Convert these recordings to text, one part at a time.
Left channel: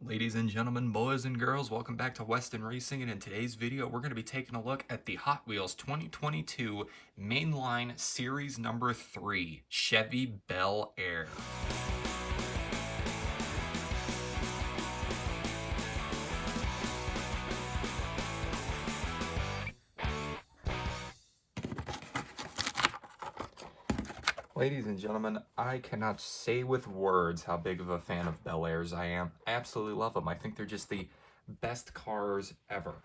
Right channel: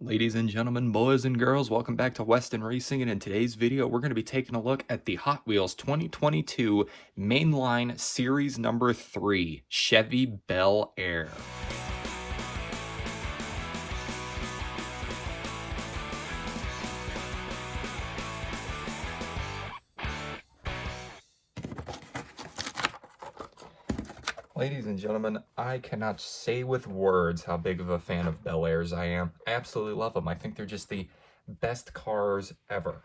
Ladies and gentlemen, boys and girls, welcome back to Weston Racing, and in today's video we're going to be taking a look at the Hot Wheels 2022 Mainline Series number 3 Chevy Bel Air. Ladies and gentlemen, I cannot say with words how big of a fan of Bel Airs I am. I absolutely love them. I think they're just the best cars ever.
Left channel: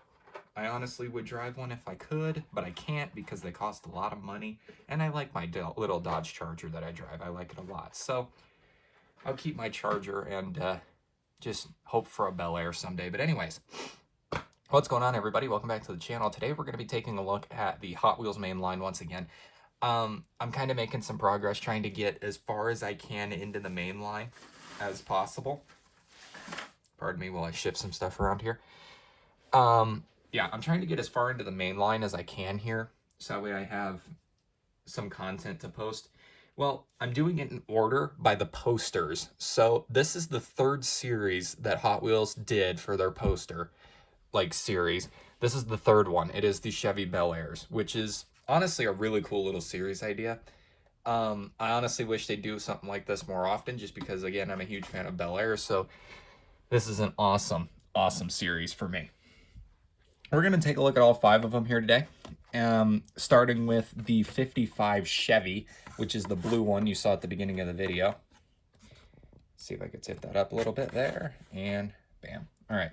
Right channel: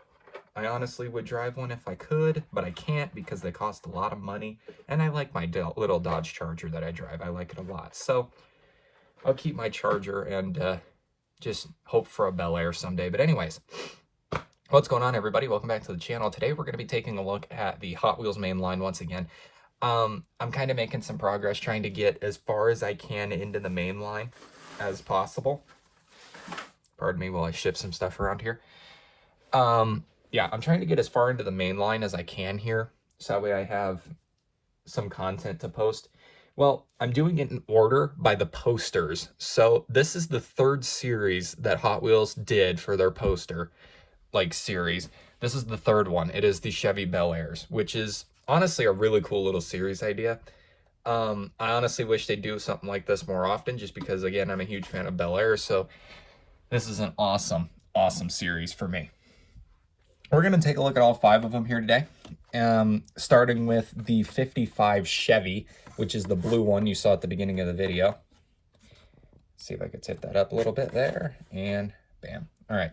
I honestly would drive one if I could, but I can't because they cost a lot of money, and I like my little Dodge Charger that I drive. I like it a lot. So I'll keep my Charger and just hope for a Bel Air someday. But anyways, what's going on, everybody? Welcome back to the channel. Today we're going to be taking a look at the Hot Wheels Mainline once again. I'm kind of making some progress trying to get as far as I can into the main line as possible. Pardon me while I shift some stuff around here. Yeah, I'm trying to get as far into the main line as I can here, so that way I have some content to post. Well, I'm doing it in order by the posters. So this is the third series that Hot Wheels did for their poster, series. This is the third one. It is the Chevy Bel Airs, which is honestly a really cool little series idea. I honestly wish they'd do something like this more often, just because, again, I'm a huge fan of Bel Air, so this is an awesome series for me. We're going to take a look at all 5 of them here today, starting with the 55 Chevy, which is the blue one you saw at the beginning of the video. Let's see if I could tip that up a little bit there, and bam. All right,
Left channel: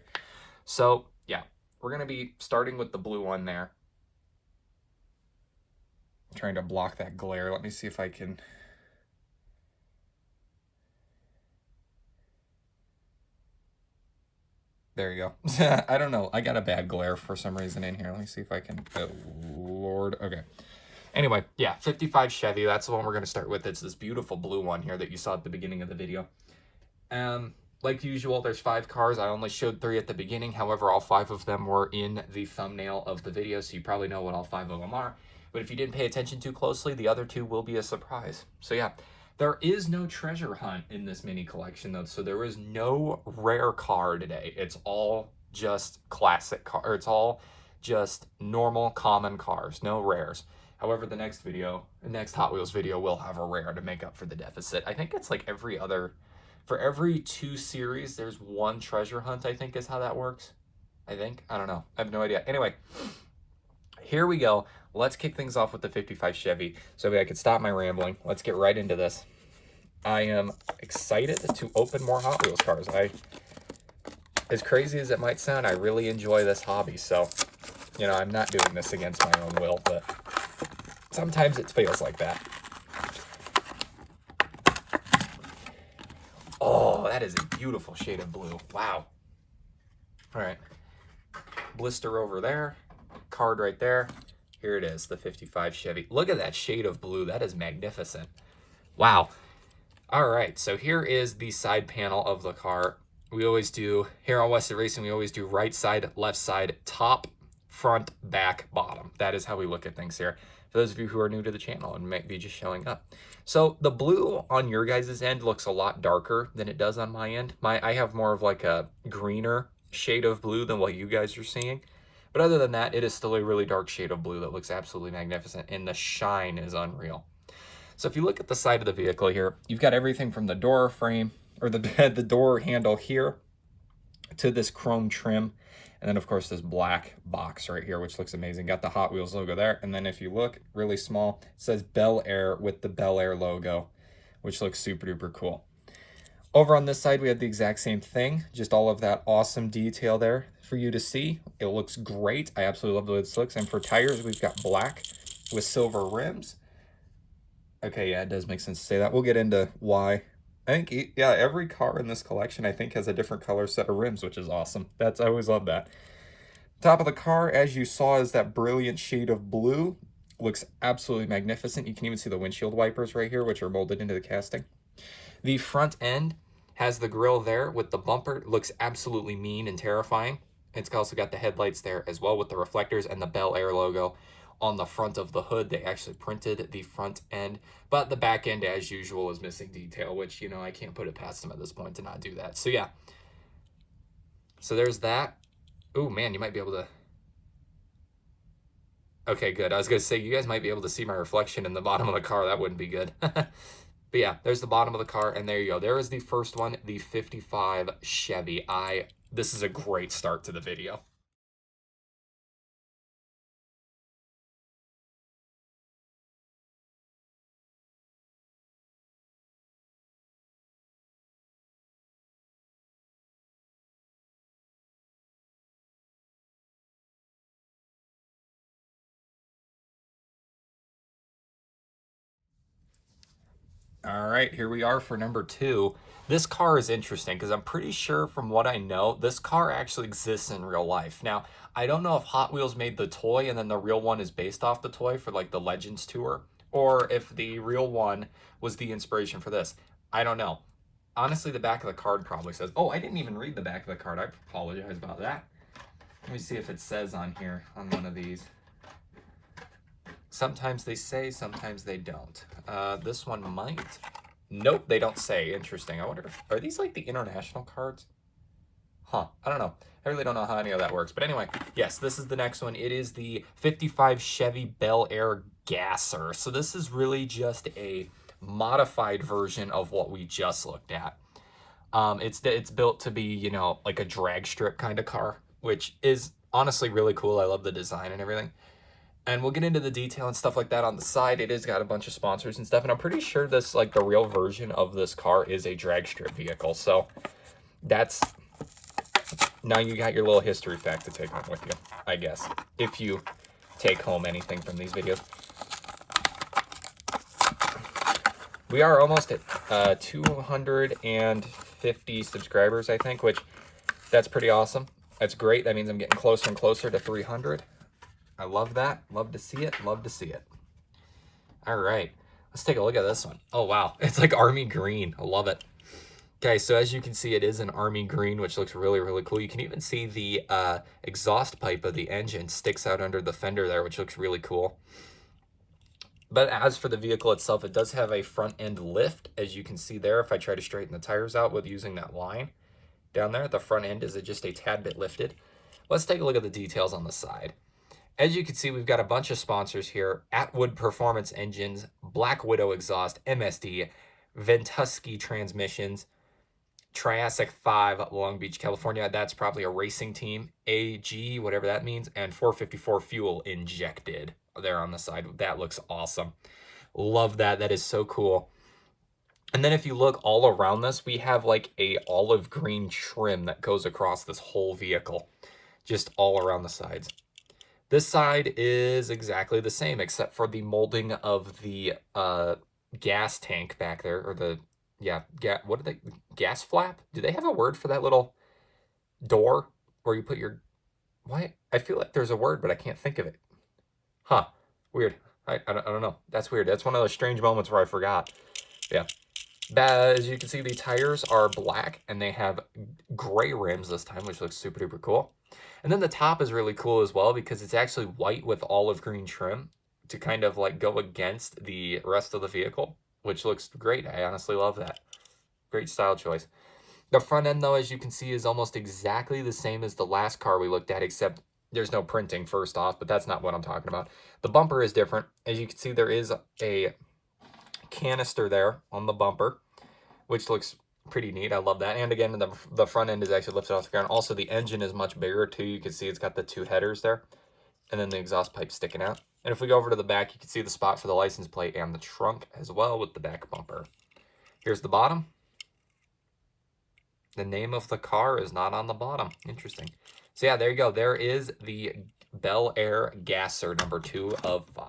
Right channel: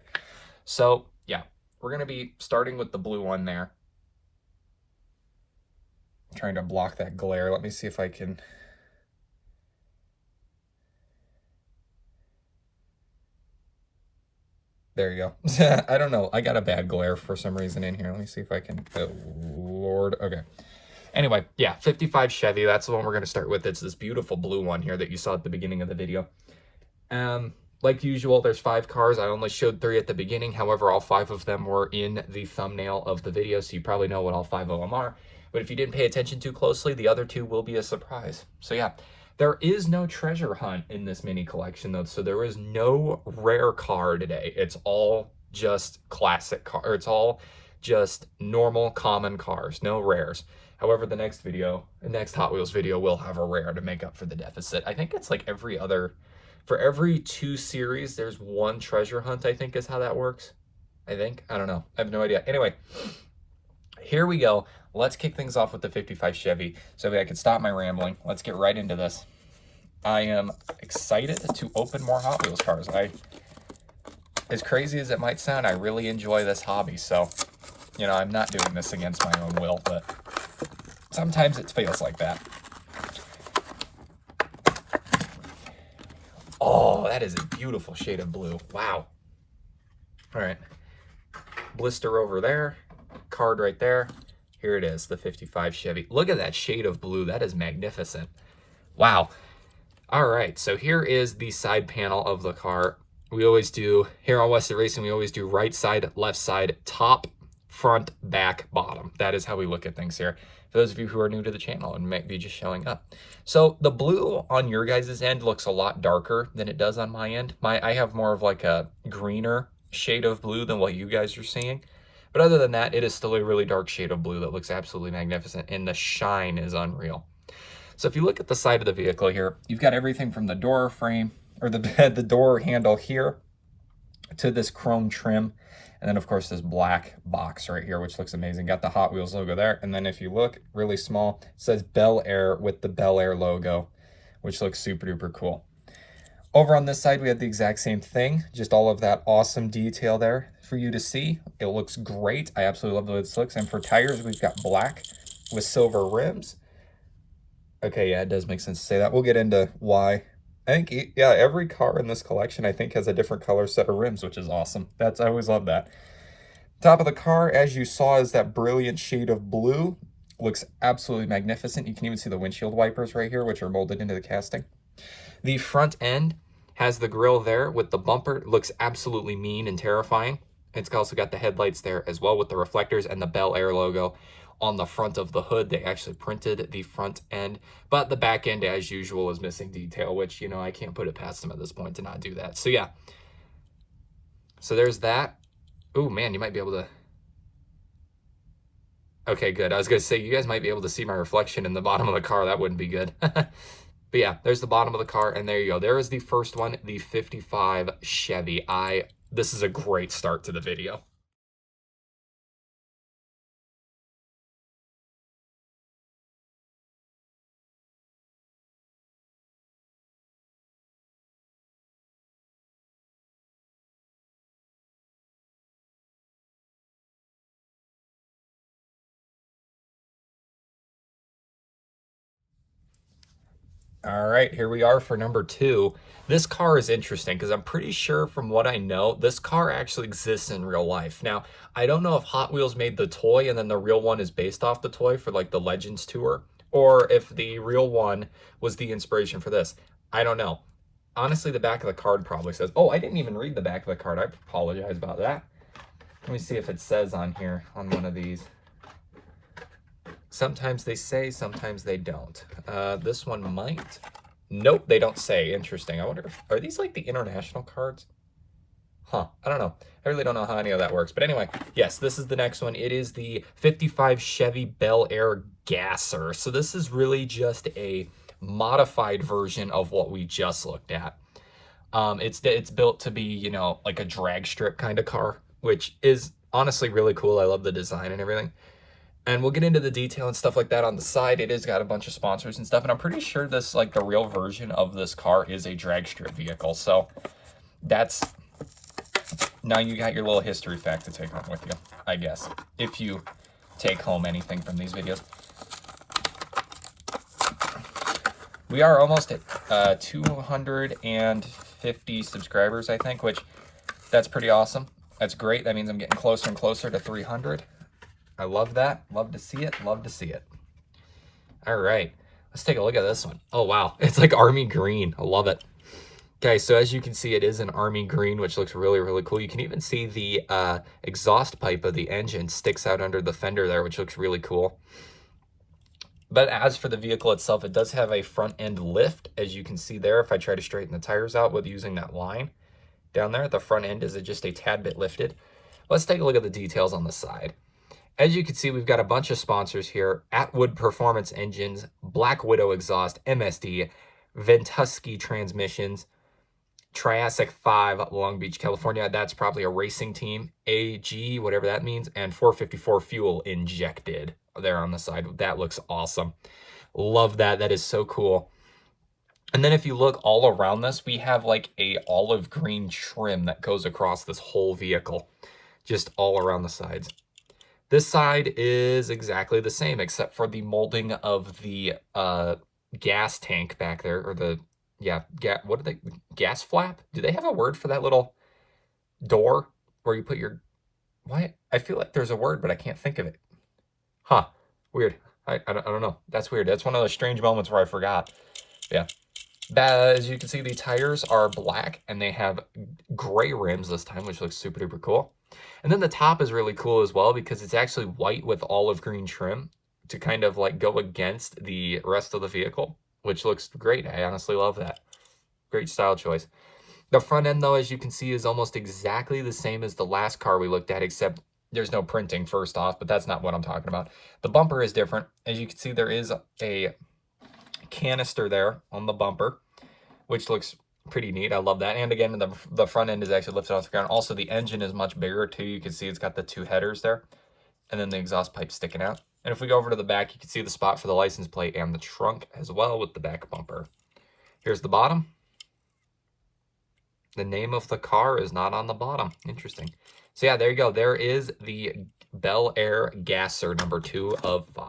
so yeah, we're going to be starting with the blue one there. Trying to block that glare. Let me see if I can. There you go. I don't know. I got a bad glare for some reason in here. Let me see if I can. Oh, Lord. Okay. Anyway, yeah, 55 Chevy. That's the one we're going to start with. It's this beautiful blue one here that you saw at the beginning of the video. Like usual, there's 5 cars. I only showed 3 at the beginning. However, all 5 of them were in the thumbnail of the video, so you probably know what all 5 of them are. But if you didn't pay attention too closely, the other 2 will be a surprise. So yeah, there is no treasure hunt in this mini collection, though. So there is no rare car today. It's all just classic car. Or it's all just normal, common cars. No rares. However, the next Hot Wheels video will have a rare to make up for the deficit. I think it's like for every 2 series, there's 1 treasure hunt, I think is how that works. I don't know. I have no idea. Anyway, here we go. Let's kick things off with the 55 Chevy. So I can stop my rambling. Let's get right into this. I am excited to open more Hot Wheels cars. As crazy as it might sound, I really enjoy this hobby. So, you know, I'm not doing this against my own will, but sometimes it feels like that. Oh, that is a beautiful shade of blue. Wow. All right. Blister over there. Card right there. Here it is, the 55 Chevy. Look at that shade of blue. That is magnificent. Wow. All right, so here is the side panel of the car. We always do, here on Weston Racing, we always do right side, left side, top, front, back, bottom. That is how we look at things here. For those of you who are new to the channel and might be just showing up. So the blue on your guys' end looks a lot darker than it does on my end. I have more of like a greener shade of blue than what you guys are seeing. But other than that, it is still a really dark shade of blue that looks absolutely magnificent, and the shine is unreal. So if you look at the side of the vehicle here, you've got everything from the door frame, or the door handle here, to this chrome trim, and then of course this black box right here, which looks amazing. Got the Hot Wheels logo there, and then if you look really small, it says Bel Air with the Bel Air logo, which looks super duper cool. Over on this side, we have the exact same thing, just all of that awesome detail there for you to see. It looks great. I absolutely love the way this looks. And for tires, we've got black with silver rims. Okay, yeah, it does make sense to say that. We'll get into why. I think, yeah, every car in this collection, I think, has a different color set of rims, which is awesome. I always love that. Top of the car, as you saw, is that brilliant shade of blue. Looks absolutely magnificent. You can even see the windshield wipers right here, which are molded into the casting. The front end has the grille there with the bumper. It looks absolutely mean and terrifying. It's also got the headlights there as well with the reflectors and the Bel Air logo on the front of the hood. They actually printed the front end, but the back end, as usual, is missing detail, which, you know, I can't put it past them at this point to not do that. So yeah, So there's that. Oh man, you might be able to. Okay, good. I was gonna say you guys might be able to see my reflection in the bottom of the car. That wouldn't be good. But yeah, there's the bottom of the car, and there you go. There is the first one, the 55 Chevy. This is a great start to the video. All right, here we are for number 2. This car is interesting because I'm pretty sure from what I know, this car actually exists in real life. Now, I don't know if Hot Wheels made the toy and then the real one is based off the toy for like the Legends tour, or if the real one was the inspiration for this. I don't know. Honestly, the back of the card probably says, oh, I didn't even read the back of the card. I apologize about that. Let me see if it says on here on one of these. Sometimes they say, sometimes they don't. This one might. Nope, they don't say. Interesting. I wonder if, are these like the international cards? Huh, I don't know. I really don't know how any of that works. But anyway, yes, this is the next one. It is the 55 Chevy Bel Air Gasser. So this is really just a modified version of what we just looked at. It's built to be, you know, like a drag strip kind of car, which is honestly really cool. I love the design and everything. And we'll get into the detail and stuff like that on the side. It has got a bunch of sponsors and stuff. And I'm pretty sure this, like the real version of this car is a drag strip vehicle. So that's, now you got your little history fact to take home with you, I guess, if you take home anything from these videos. We are almost at 250 subscribers, I think, which that's pretty awesome. That's great. That means I'm getting closer and closer to 300. I love that. Love to see it. Love to see it. All right. Let's take a look at this one. Oh, wow. It's like army green. I love it. Okay, so as you can see, it is an army green, which looks really, really cool. You can even see the exhaust pipe of the engine sticks out under the fender there, which looks really cool. But as for the vehicle itself, it does have a front end lift, as you can see there. If I try to straighten the tires out with using that line down there, the front end is just a tad bit lifted. Let's take a look at the details on the side. As you can see, we've got a bunch of sponsors here. Atwood Performance Engines, Black Widow Exhaust, MSD, Ventusky Transmissions, Triassic 5, Long Beach, California. That's probably a racing team. AG, whatever that means. And 454 fuel injected there on the side. That looks awesome. Love that. That is so cool. And then if you look all around this, we have like a olive green trim that goes across this whole vehicle. Just all around the sides. This side is exactly the same, except for the molding of the gas tank back there, or the, yeah, what are they, gas flap? Do they have a word for that little door where you put your, what? I feel like there's a word, but I can't think of it. Huh, weird. I don't know. That's weird. That's one of those strange moments where I forgot. Yeah. As you can see, the tires are black, and they have gray rims this time, which looks super duper cool. And then the top is really cool as well because it's actually white with olive green trim to kind of like go against the rest of the vehicle, which looks great. I honestly love that. Great style choice. The front end, though, as you can see, is almost exactly the same as the last car we looked at, except there's no printing first off, but that's not what I'm talking about. The bumper is different. As you can see, there is a canister there on the bumper, which looks pretty neat. I love that. And again, the front end is actually lifted off the ground. Also, the engine is much bigger too. You can see it's got the 2 headers there, and then the exhaust pipe sticking out. And if we go over to the back, you can see the spot for the license plate and the trunk as well with the back bumper. Here's the bottom. The name of the car is not on the bottom. Interesting. So yeah, there you go. There is the Bel Air Gasser number 2 of 5.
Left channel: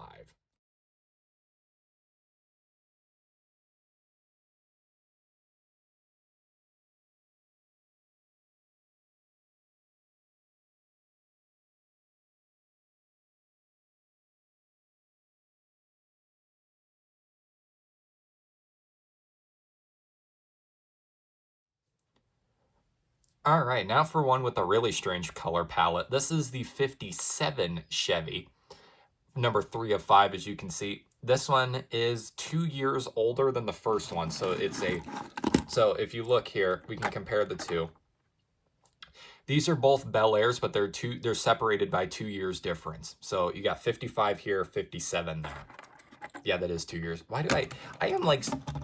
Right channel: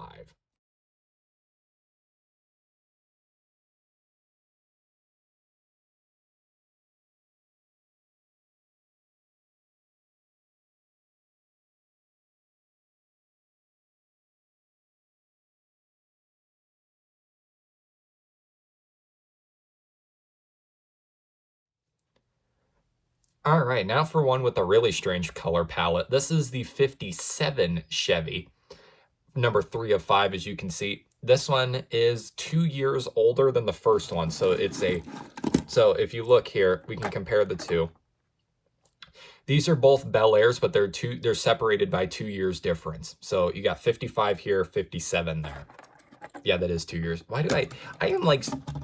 All right, now for one with a really strange color palette. This is the 57 Chevy, number 3 of 5, as you can see. This one is 2 years older than the first one, so it's a, so if you look here, we can compare the two. These are both Bel Airs, but they're separated by 2 years difference. So you got 55 here, 57 there. Yeah, that is 2 years. Why do I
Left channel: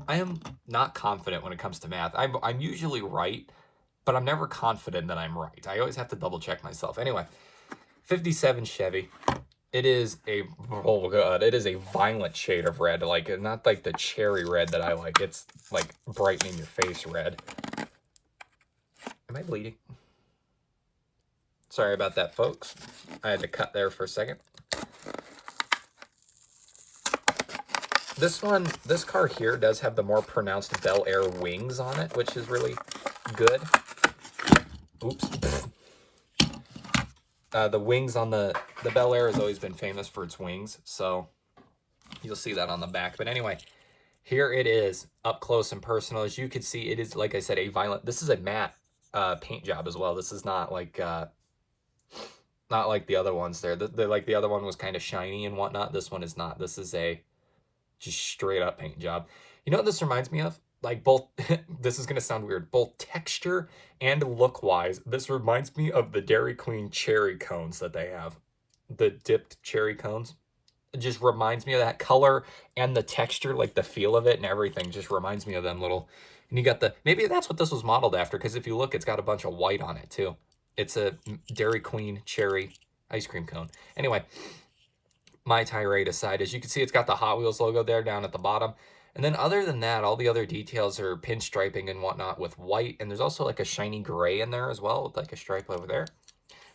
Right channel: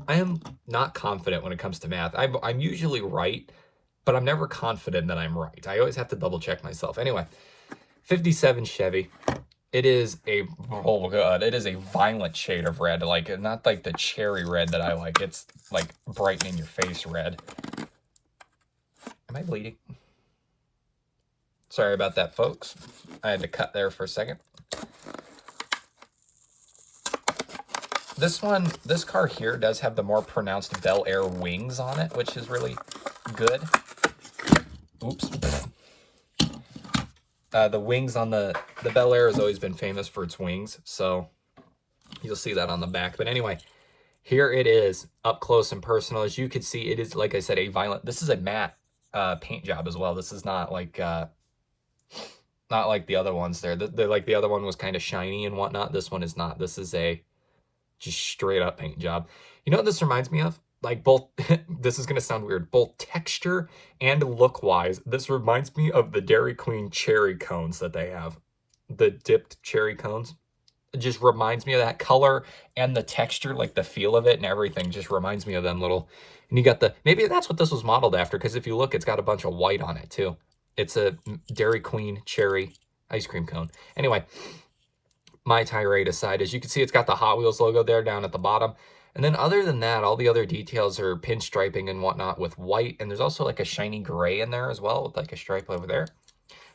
am not confident when it comes to math. I'm usually right, but I'm never confident that I'm right. I always have to double check myself. Anyway, 57 Chevy. It is oh god, it is a violent shade of red, like not like the cherry red that I like. It's like bright in your face red. Am I bleeding? Sorry about that, folks. I had to cut there for a second. This car here does have the more pronounced Bel Air wings on it, which is really good. Oops. The wings on the Bel Air has always been famous for its wings, so you'll see that on the back. But anyway, here it is, up close and personal. As you can see, it is, like I said, a violent... This is a matte paint job as well. This is not like the other ones there. Like the other one was kind of shiny and whatnot. This one is not. This is a just straight up paint job. You know what this reminds me of? Like both, this is going to sound weird, both texture and look wise, this reminds me of the Dairy Queen cherry cones that they have. The dipped cherry cones. It just reminds me of that color and the texture, like the feel of it and everything just reminds me of them little. And you got maybe that's what this was modeled after, because if you look, it's got a bunch of white on it too. It's a Dairy Queen cherry ice cream cone. Anyway, my tirade aside, as you can see, it's got the Hot Wheels logo there down at the bottom. And then other than that, all the other details are pinstriping and whatnot with white. And there's also like a shiny gray in there as well, with like a stripe over there.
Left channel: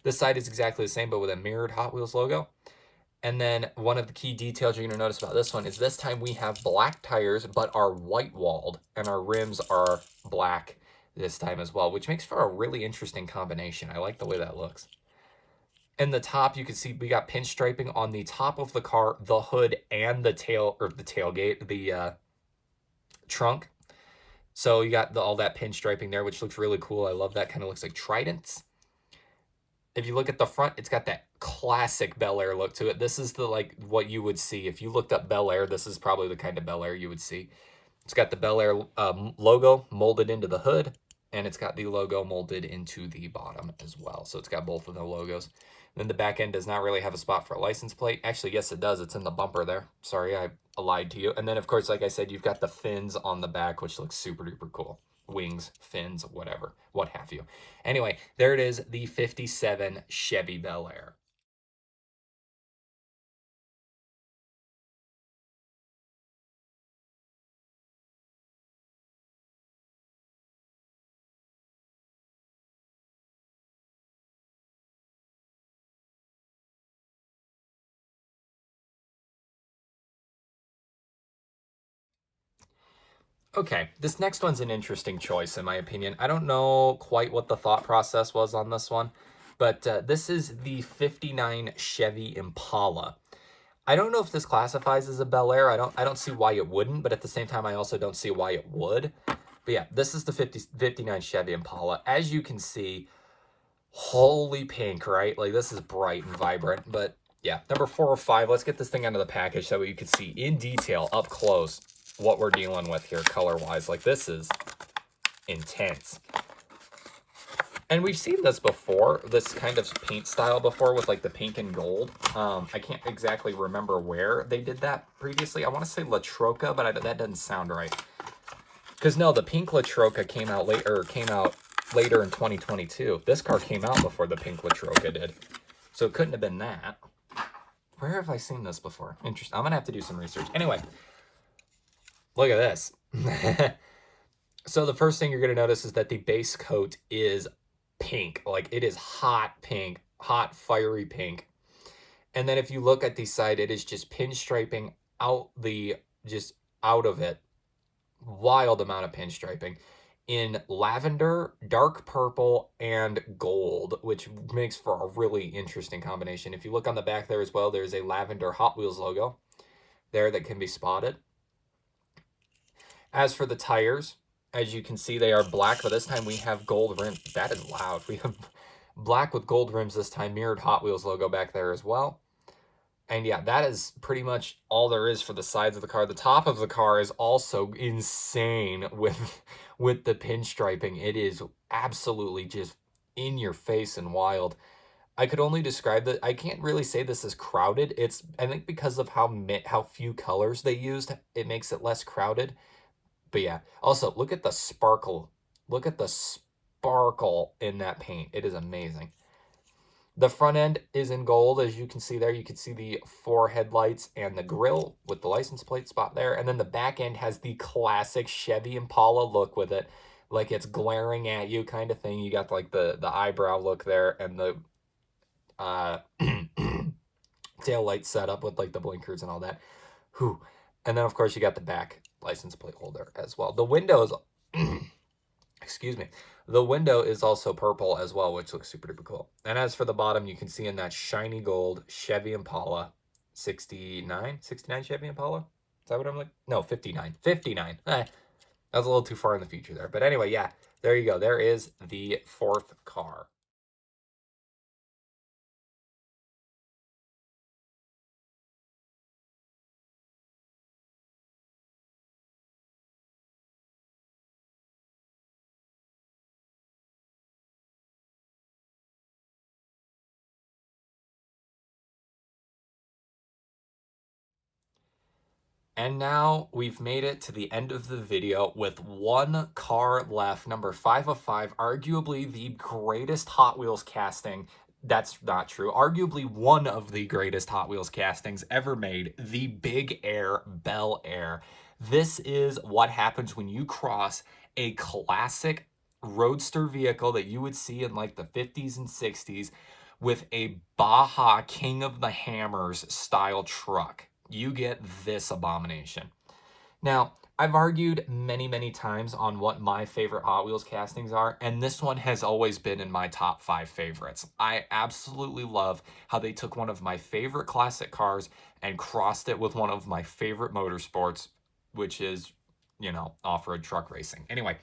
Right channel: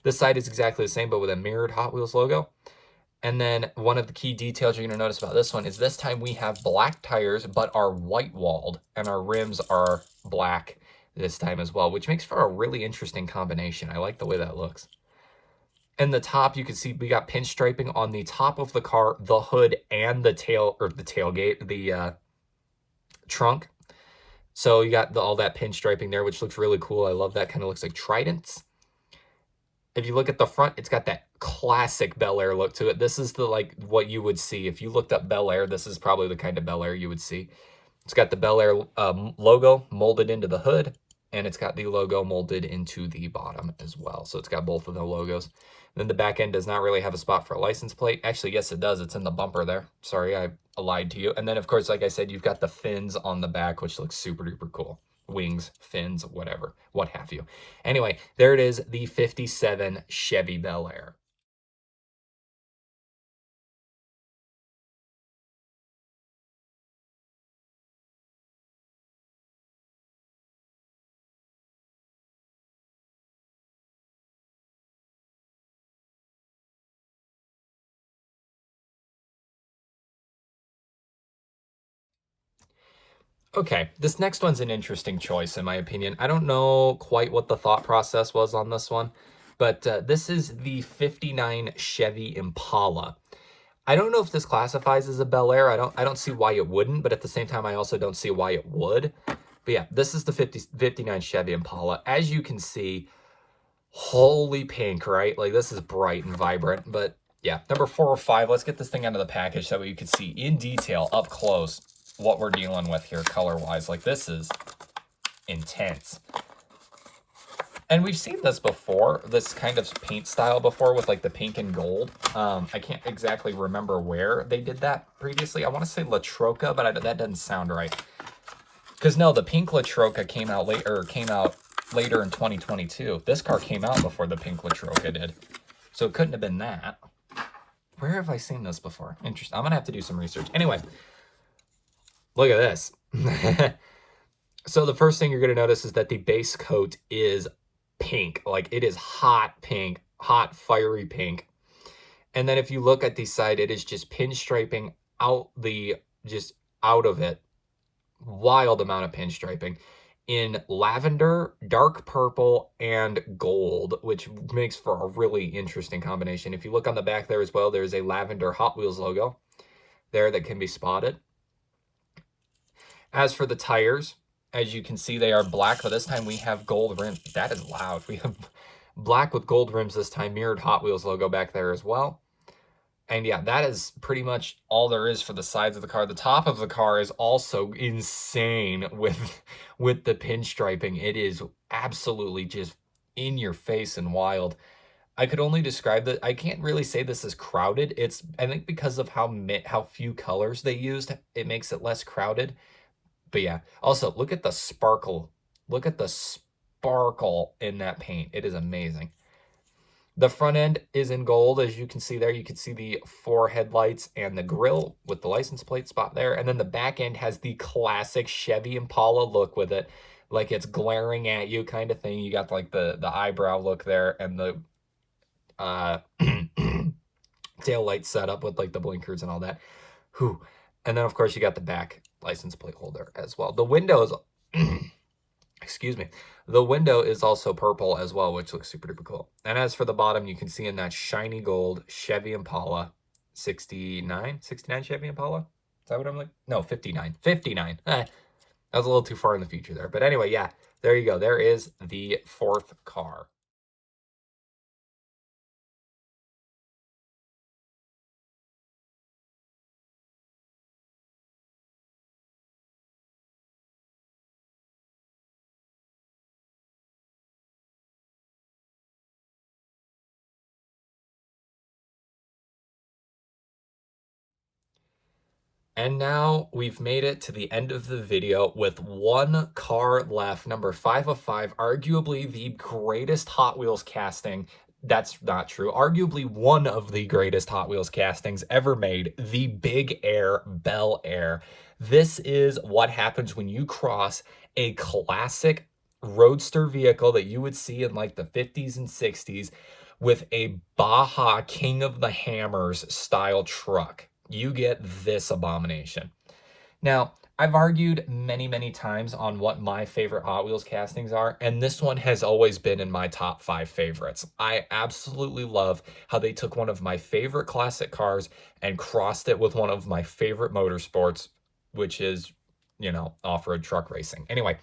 This side is exactly the same, but with a mirrored Hot Wheels logo. And then one of the key details you're going to notice about this one is this time we have black tires, but are white walled. And our rims are black this time as well, which makes for a really interesting combination. I like the way that looks. In the top, you can see we got pinstriping on the top of the car, the hood, and the tailgate, the trunk. So you got all that pinstriping there, which looks really cool. I love that. Kind of looks like tridents. If you look at the front, it's got that classic Bel Air look to it. This is the like what you would see if you looked up Bel Air. This is probably the kind of Bel Air you would see. It's got the Bel Air logo molded into the hood, and it's got the logo molded into the bottom as well. So it's got both of the logos. Then the back end does not really have a spot for a license plate. Actually, yes, it does. It's in the bumper there. Sorry, I lied to you. And then, of course, like I said, you've got the fins on the back, which looks super duper cool. Wings, fins, whatever, what have you. Anyway, there it is, the 57 Chevy Bel Air. Okay, this next one's an interesting choice, in my opinion. I don't know quite what the thought process was on this one, but this is the 59 Chevy Impala. I don't know if this classifies as a Bel Air. I don't see why it wouldn't, but at the same time, I also don't see why it would. But yeah, this is the 59 Chevy Impala. As you can see, holy pink, right? Like, this is bright and vibrant, but yeah, number 4 or 5. Let's get this thing out of the package so you can see in detail, up close, what we're dealing with here color-wise. Like, this is intense. And we've seen this before, this kind of paint style before with like the pink and gold. I can't exactly remember where they did that previously. I want to say La Troca, but that doesn't sound right. Because no, the pink La Troca came out later in 2022. This car came out before the pink La Troca did. So it couldn't have been that. Where have I seen this before? Interesting. I'm going to have to do some research. Anyway, look at this. So the first thing you're going to notice is that the base coat is pink. Like, it is hot pink, hot fiery pink. And then if you look at the side, it is just pinstriping out of it. Wild amount of pinstriping in lavender, dark purple, and gold, which makes for a really interesting combination. If you look on the back there as well, there's a lavender Hot Wheels logo there that can be spotted. As for the tires, as you can see, they are black, but this time we have gold rims. That is loud. We have black with gold rims this time, mirrored Hot Wheels logo back there as well. And yeah, that is pretty much all there is for the sides of the car. The top of the car is also insane with the pinstriping. It is absolutely just in your face and wild. I could only describe that. I can't really say this is crowded. It's, I think, because of how few colors they used, it makes it less crowded. But yeah, also look at the sparkle. Look at the sparkle in that paint. It is amazing. The front end is in gold, as you can see there. You can see the 4 headlights and the grille with the license plate spot there. And then the back end has the classic Chevy Impala look with it, like it's glaring at you kind of thing. You got like the eyebrow look there, and the tail light setup with like the blinkers and all that. Whew. And then of course you got the back license plate holder as well. The windows, excuse me, the window is also purple as well, which looks super duper cool. And as for the bottom, you can see in that shiny gold Chevy Impala 69 Chevy Impala. Is that what I'm like? No, 59. That was a little too far in the future there. But anyway, yeah, there you go. There is the 4th car. And now we've made it to the end of the video with 1 car left, number 5 of 5, arguably the greatest Hot Wheels casting. That's not true. Arguably one of the greatest Hot Wheels castings ever made, the Big Air Bel Air. This is what happens when you cross a classic roadster vehicle that you would see in like the 50s and 60s with a Baja King of the Hammers style truck. You get this abomination. Now, I've argued many, many times on what my favorite Hot Wheels castings are, and this one has always been in my top 5 favorites. I absolutely love how they took one of my favorite classic cars and crossed it with one of my favorite motorsports, which is, you know, off-road truck racing. Anyway,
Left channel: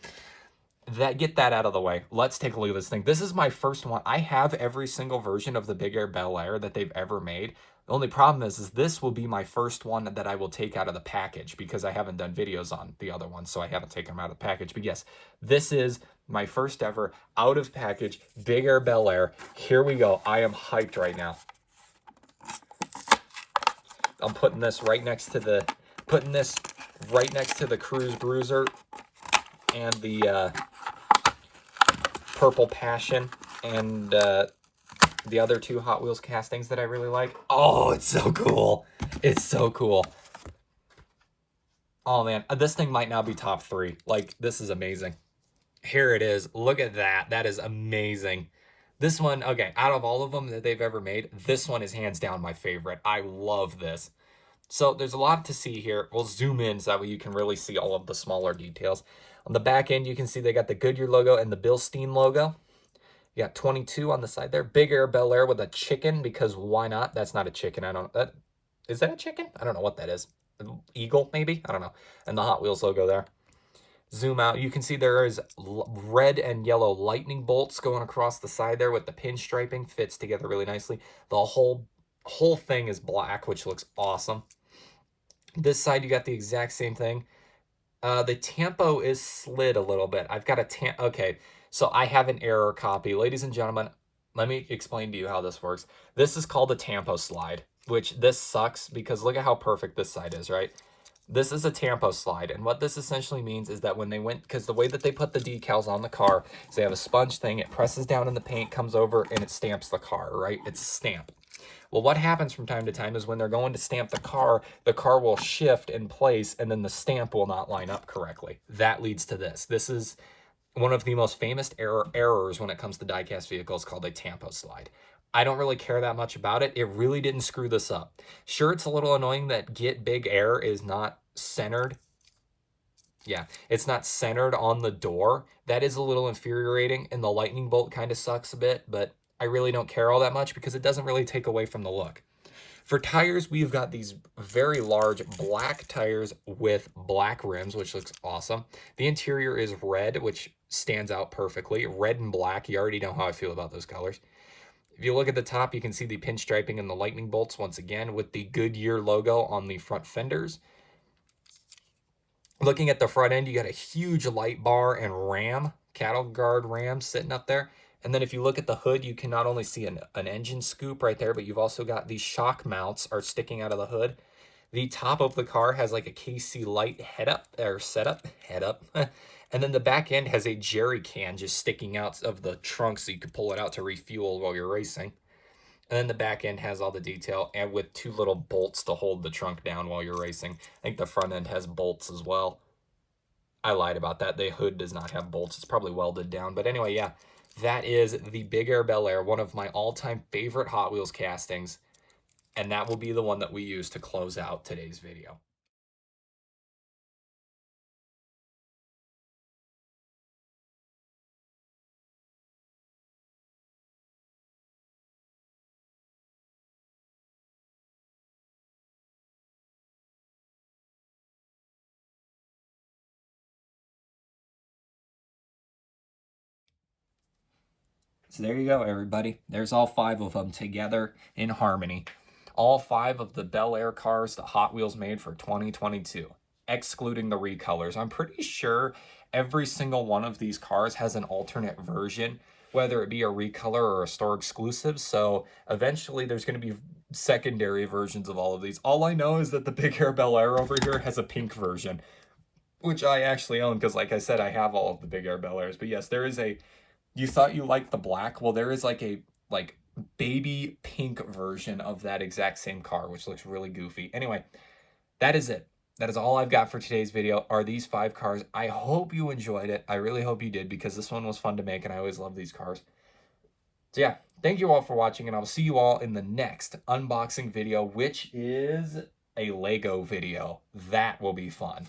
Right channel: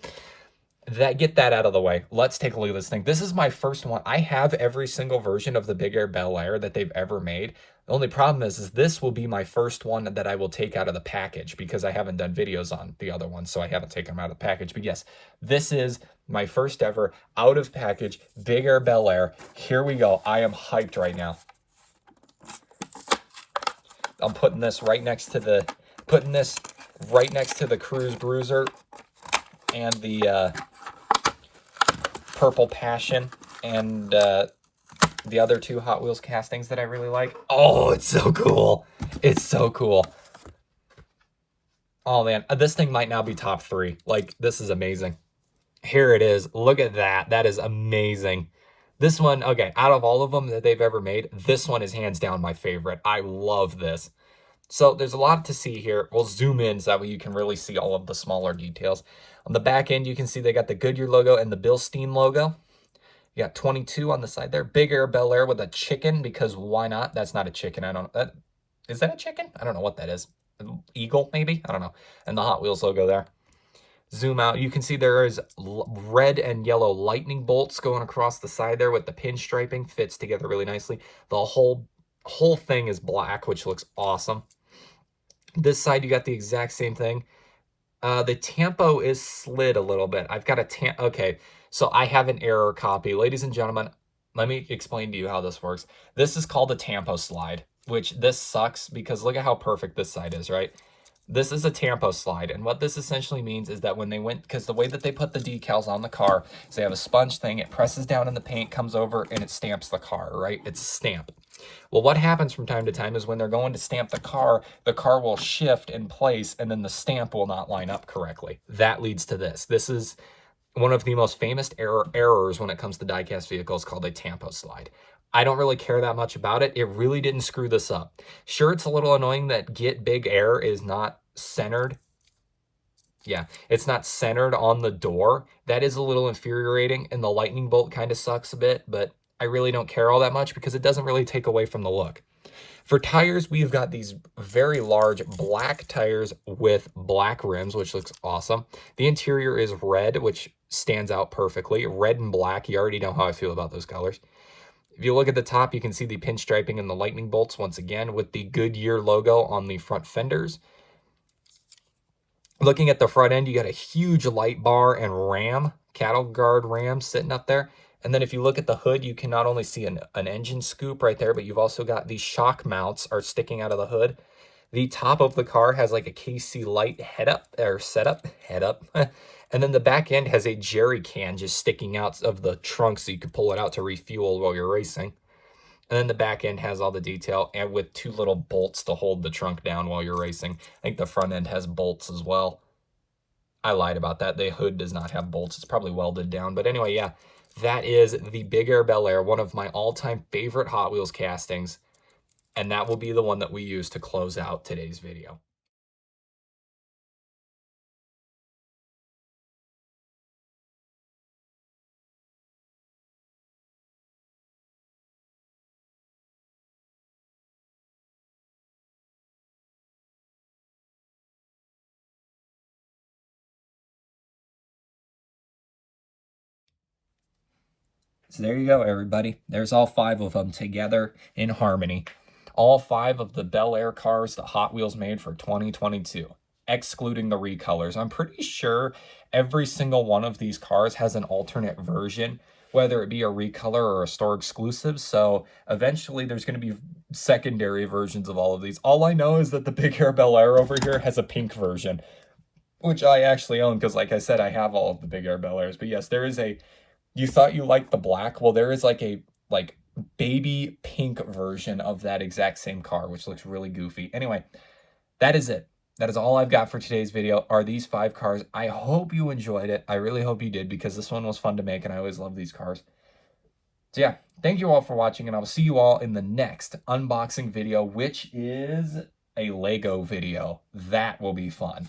get that out of the way. Let's take a look at this thing. This is my first one. I have every single version of the Big Air Bel Air that they've ever made. The only problem is this will be my first one that I will take out of the package because I haven't done videos on the other ones, so I haven't taken them out of the package. But yes, this is my first ever out of package Big Air Bel Air. Here we go. I am hyped right now. I'm putting this right next to the Cruise Bruiser and the Purple Passion and the other 2 Hot Wheels castings that I really like. Oh, it's so cool. It's so cool. Oh, man. This thing might now be top 3. Like, this is amazing. Here it is. Look at that. That is amazing. This one, okay, out of all of them that they've ever made, this one is hands down my favorite. I love this. So there's a lot to see here. We'll zoom in so that way you can really see all of the smaller details. On the back end, you can see they got the Goodyear logo and the Bilstein logo. You got 22 on the side there. Big Air Bel Air with a chicken, because why not? That's not a chicken. Is that a chicken? I don't know what that is. Eagle, maybe? I don't know. And the Hot Wheels logo there. Zoom out. You can see there is red and yellow lightning bolts going across the side there with the pinstriping. Fits together really nicely. The whole thing is black, which looks awesome. This side, you got the exact same thing. The tampo is slid a little bit. I've got a okay. So I have an error copy. Ladies and gentlemen, let me explain to you how this works. This is called a tampo slide, which this sucks because look at how perfect this side is, right? This is a tampo slide, and what this essentially means is that when they went, because the way that they put the decals on the car, so they have a sponge thing, it presses down in the paint, comes over, and it stamps the car, right? It's a stamp. Well, what happens from time to time is when they're going to stamp the car will shift in place, and then the stamp will not line up correctly. That leads to this. This is one of the most famous errors when it comes to diecast vehicles, called a tampo slide. I don't really care that much about it. It really didn't screw this up. Sure, it's a little annoying that Get Big Air is not centered. Yeah, it's not centered on the door. That is a little infuriating, and the lightning bolt kind of sucks a bit, but I really don't care all that much because it doesn't really take away from the look. For tires, we've got these very large black tires with black rims, which looks awesome. The interior is red, which stands out perfectly. Red and black, you already know how I feel about those colors. If you look at the top, you can see the pinstriping and the lightning bolts once again with the Goodyear logo on the front fenders. Looking at the front end, you got a huge light bar and ram, cattle guard ram sitting up there. And then if you look at the hood, you can not only see an engine scoop right there, but you've also got these shock mounts are sticking out of the hood. The top of the car has like a KC light head up or setup, head up. And then the back end has a jerry can just sticking out of the trunk so you can pull it out to refuel while you're racing. And then the back end has all the detail and with 2 little bolts to hold the trunk down while you're racing. I think the front end has bolts as well. I lied about that. The hood does not have bolts. It's probably welded down. But anyway, yeah, that is the Big Air Bel Air, one of my all-time favorite Hot Wheels castings. And that will be the one that we use to close out today's video. So there you go, everybody. There's all 5 of them together in harmony. All 5 of the Bel Air cars that Hot Wheels made for 2022, excluding the recolors. I'm pretty sure every single one of these cars has an alternate version, whether it be a recolor or a store exclusive. So eventually there's going to be secondary versions of all of these. All I know is that the Big Air Bel Air over here has a pink version, which I actually own because, like I said, I have all of the Big Air Bel Airs. But yes, there is a... You thought you liked the black? Well, there is like a baby pink version of that exact same car, which looks really goofy. Anyway, that is it. That is all I've got for today's video, are these 5 cars. I hope you enjoyed it. I really hope you did, because this one was fun to make, and I always love these cars. So yeah, thank you all for watching, and I'll see you all in the next unboxing video, which is a Lego video. That will be fun.